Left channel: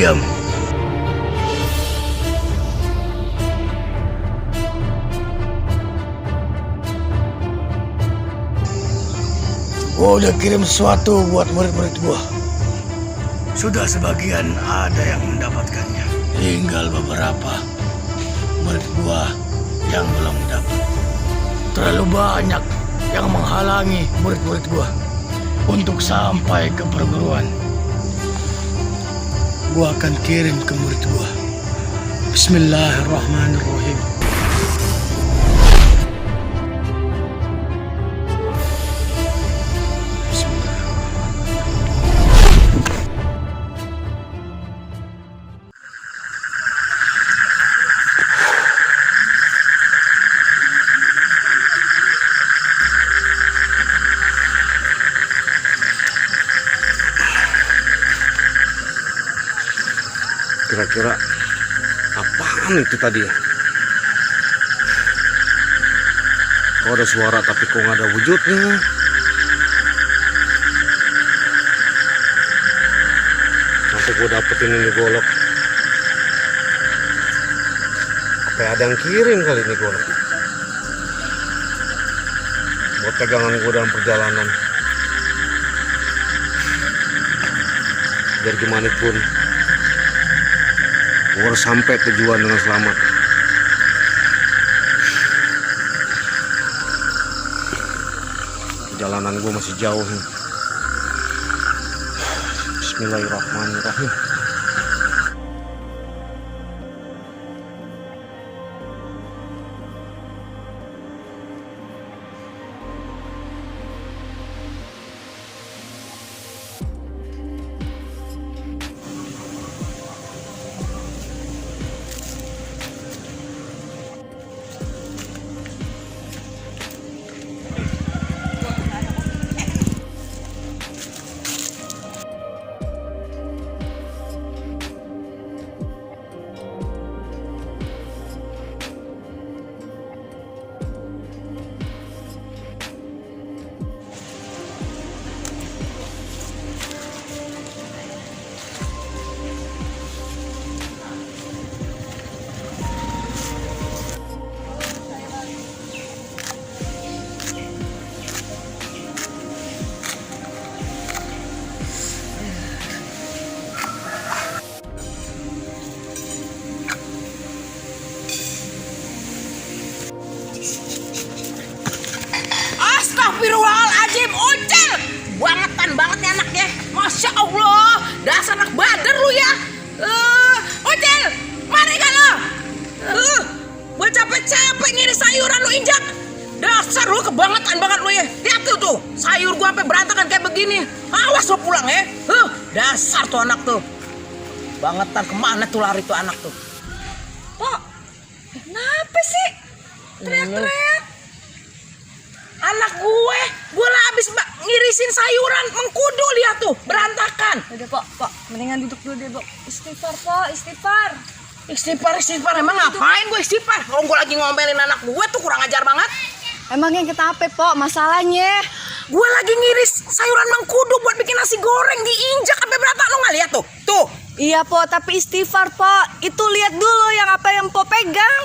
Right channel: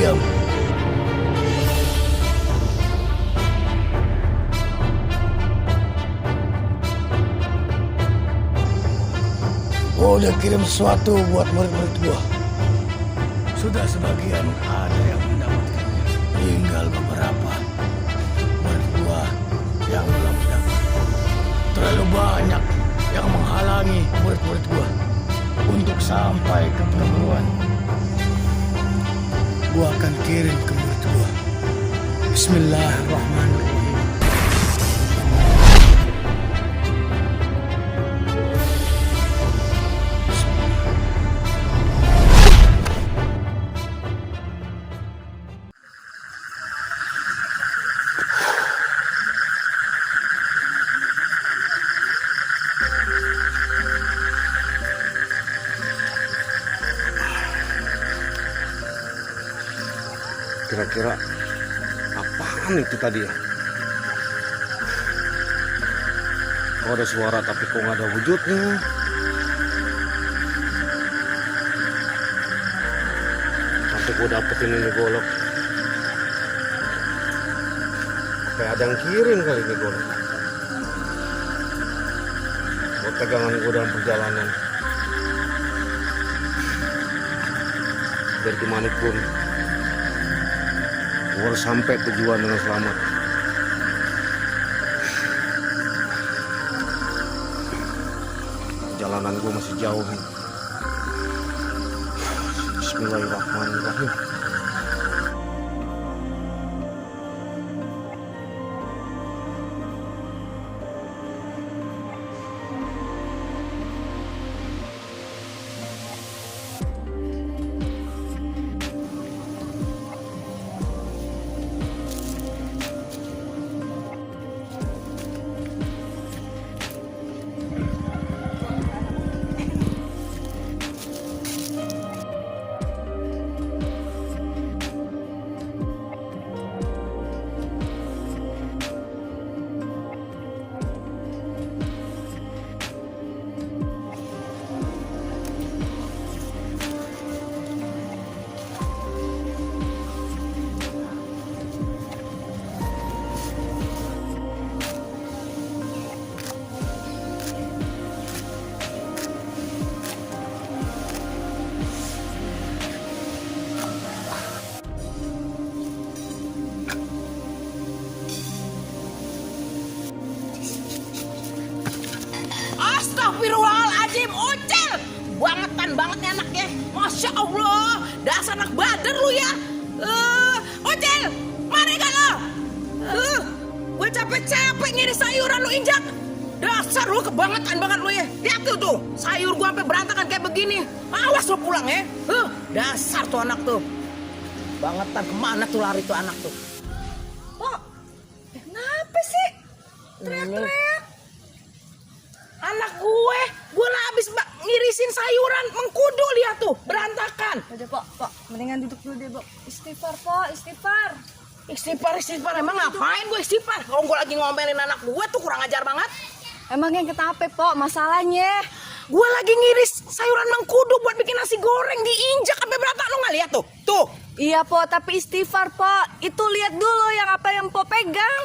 diam. Gua udah kirim sesuatu buat murid-murid gua. Sudah sebagian ada yang mendapatkannya. Tinggal beberapa murid gua yang belum dapat. Terlalu banyak yang menghalangi murid-murid gua untuk sampai ke perguruan. Gua akan kirim ke murid gua. Bismillahirrahmanirrahim. Kira-kira apaan itu tadi ya? Oh, ada suara tapi kok nggak ada wujudnya. Sampai gue dapetin ini golok. Kayak ada yang kirim kali ini golok. Buat pegangan gue dalam perjalanan. Biar gimana pun gue harus sampai tujuan dengan selamat. Perjalanan gue masih jauh nih. Bismillahirrahmanirrahim. Astagfirullahaladzim, Ucil. Bangetan banget nih anaknya. Masya Allah, dasar anak badar lu ya. Ucil, mari kan lo. Gua capek-capek ngiris sayuran lu injak. Dasar lu kebangetan banget lu ya. Lihat tuh, sayur gua sampai berantakan kayak begini. Awas lo pulang ya. Dasar tuh anak tuh. Bangetan, kemana tuh lari tuh anak tuh. Pak, kenapa sih? Teriak-teriak. Anak gue lah abis ngirisin sayuran, mengkudu lihat tuh, berantakan. Udah Pak, mendingan duduk dulu deh, Pak. Istighfar, Pak, istighfar. Istighfar, emang ngapain gue istighfar? Kalau gue lagi ngomelin anak gue tuh kurang ajar banget. Emang yang kita apa, Pak, masalahnya? Gue lagi ngiris sayuran mengkudu buat bikin nasi goreng, diinjak sampai berantakan, lo nggak lihat tuh? Tuh. Iya, Pak, tapi istighfar, Pak. Itu lihat dulu yang apa yang Pak pegang.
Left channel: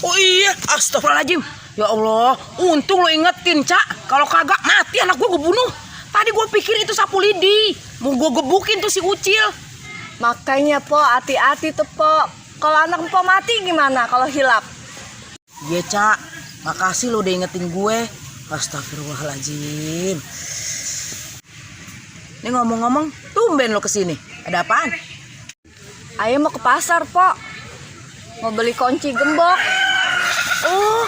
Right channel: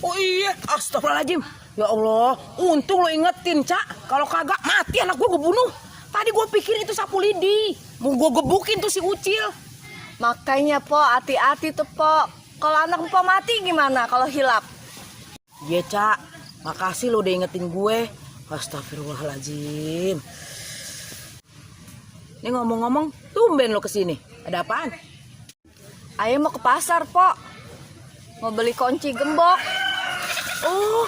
Oh iya, astagfirullahaladzim. Ya Allah, untung lo ingetin, Cak. Kalau kagak mati anak gue bunuh. Tadi gue pikir itu sapu lidi. Mau gue gebukin tuh si Ucil. Makanya, Pak, hati-hati tuh, Pak. Kalau anak Pak mati gimana kalau hilap? Iya, Cak. Makasih lo udah ingetin gue. Astagfirullahaladzim. Ini ngomong-ngomong, tumben lo kesini. Ada apaan? Ayah mau ke pasar, Pak. Mau beli kunci gembok. Oh,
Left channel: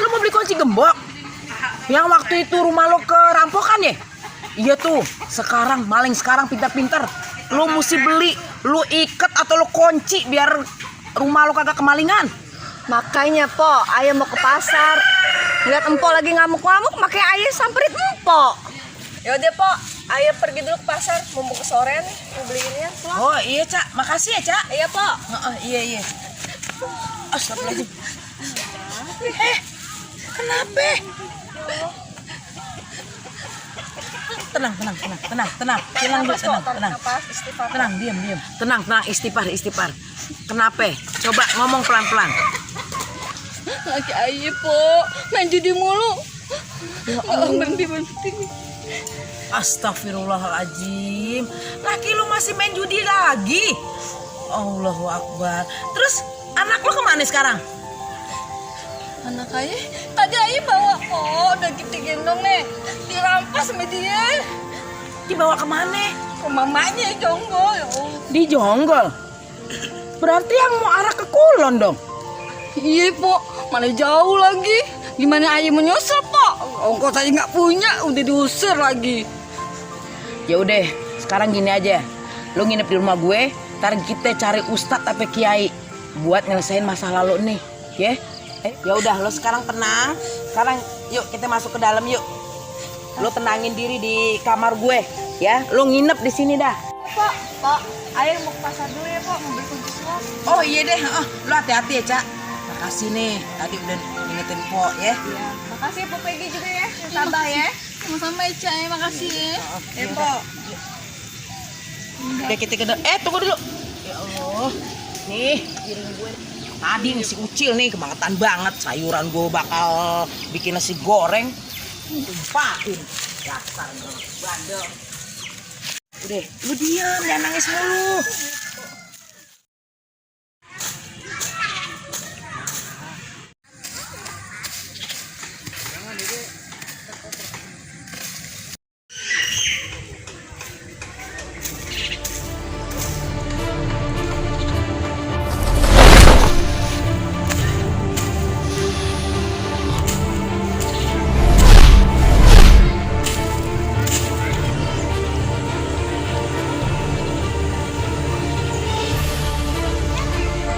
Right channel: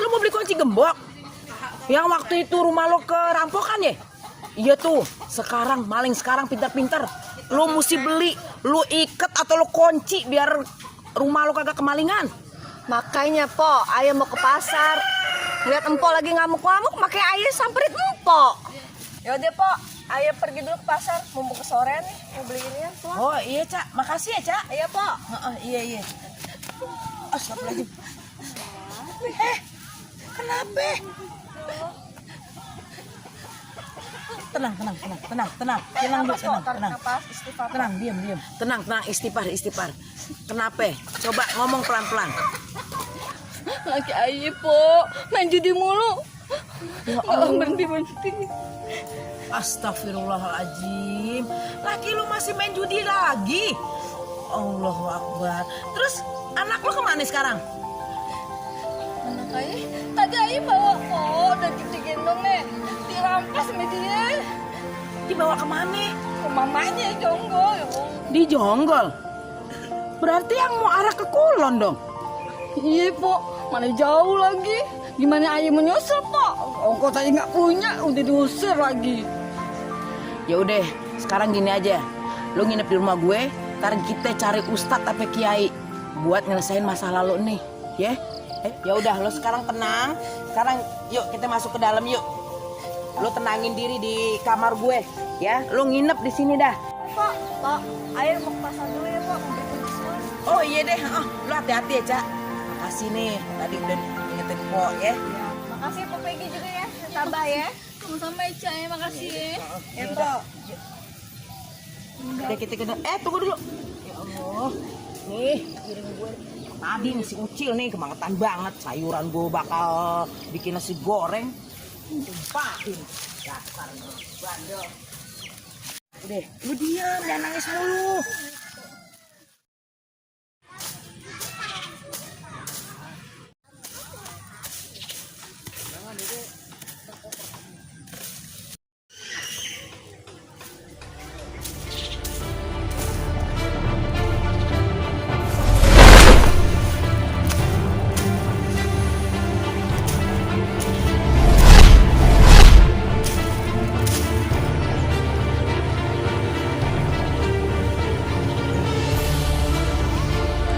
lo mau beli kunci gembok? Yang waktu itu rumah lo kerampokan ya? Iya tuh, sekarang maling sekarang pintar-pintar. Lo mesti beli, lo ikat atau lo kunci biar rumah lo kagak kemalingan. Makanya, Pak, ayah mau ke pasar. Ngeliat Empok lagi ngamuk-ngamuk, makanya ayah samperin Empok. Yaudah, Pak, ayah pergi dulu ke pasar. Mumpung ke sore nih, mau beliinnya. Oh iya, Cak. Makasih ya, Cak. Iya, Pak. Iya. Astagfirullahaladzim. Kenapa? tenang. Tenang dulu, tenang. Napas, istighfar. Tenang, diam. Tenang, istighfar. Kenapa? Coba ngomong pelan-pelan. Laki ayah po, main judi mulu. Berhenti. Astagfirullahaladzim. Laki lu masih main judi lagi. Allahu Akbar. Terus anak lu kemana sekarang? Anak ayah, tadi ayah bawa po, udah kita gendong nih. Dirampas sama dia. Dibawa kemana? Ke mamanya jonggol. Di Jonggol. Berarti yang mau arah ke Kulon dong. Iya po, mana jauh lagi. Gimana ayah menyusul po? Ongkos saya nggak punya, udah diusir lagi. Ya udah, sekarang gini aja. Lu nginep di rumah gue, ntar kita cari ustadz apa kiai buat nyelesain masa lalu nih, ya. Ya udah, lu sekarang tenang. Sekarang yuk kita masuk ke dalam yuk. Lu tenangin diri di kamar gue, ya. Lu nginep di sini dah. Pak, ayah mau ke pasar dulu ya pak, mau beli kunci sekolah. Oh iya deh, lu hati-hati ya, Cak. Makasih nih, tadi udah ingetin Po ya. Makasih Bu Peggy juga ya, tambah ya. Sama-sama ya Cak, makasih ya. Oke, Po. Oke, kita ke tunggu dulu. Ya Allah. Nih, piring gue. Tadi nih si Ucil nih kebangetan banget. Sayuran gue bakal bikin nasi goreng. Tumpahin. Dasar bandel. Udah, lu diam, jangan nangis mulu.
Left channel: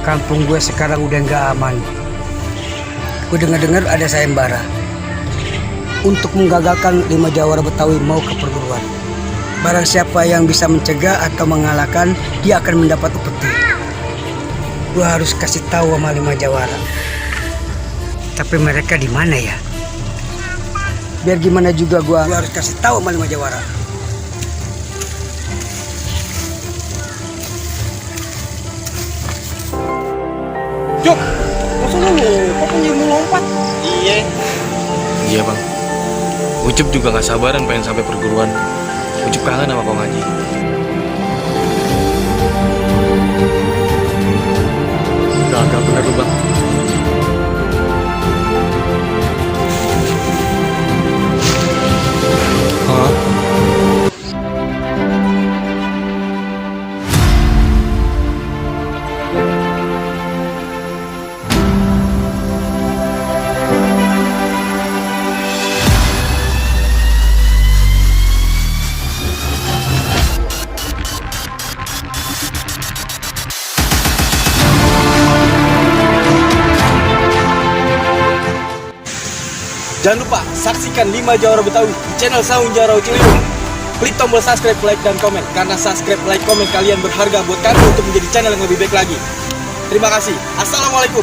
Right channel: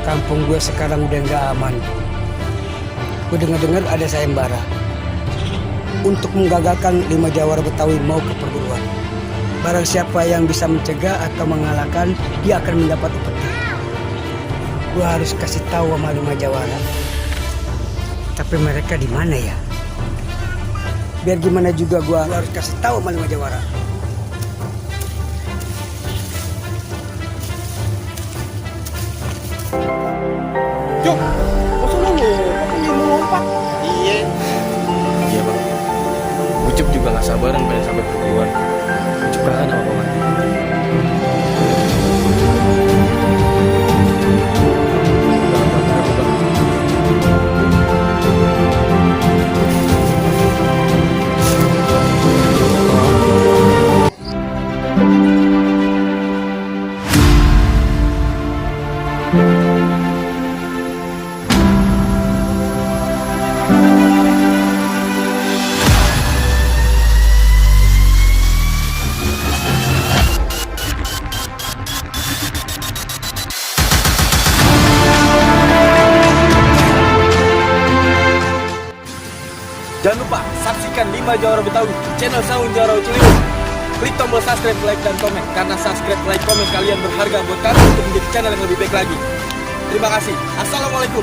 Kampung gue sekarang udah nggak aman. Gue dengar-dengar ada sayembara untuk menggagalkan 5 jawara Betawi mau ke perguruan. Barang siapa yang bisa mencegah atau mengalahkan, dia akan mendapat upeti. Gue harus kasih tahu sama 5 jawara. Tapi mereka di mana ya? Biar gimana juga gue harus kasih tahu sama 5 jawara. Jok, masa lu mau lompat? Iya bang. Ucup juga nggak sabaran pengen sampai perguruan. Ucup kangen sama Kong Haji. Nggak bener bang. Jangan lupa saksikan 5 Jawara Betawi di channel Sawin Jawara Ucil. Klik tombol subscribe, like, dan komen. Karena subscribe, like, komen kalian berharga buat kalian untuk menjadi channel yang lebih baik lagi. Terima kasih. Assalamualaikum.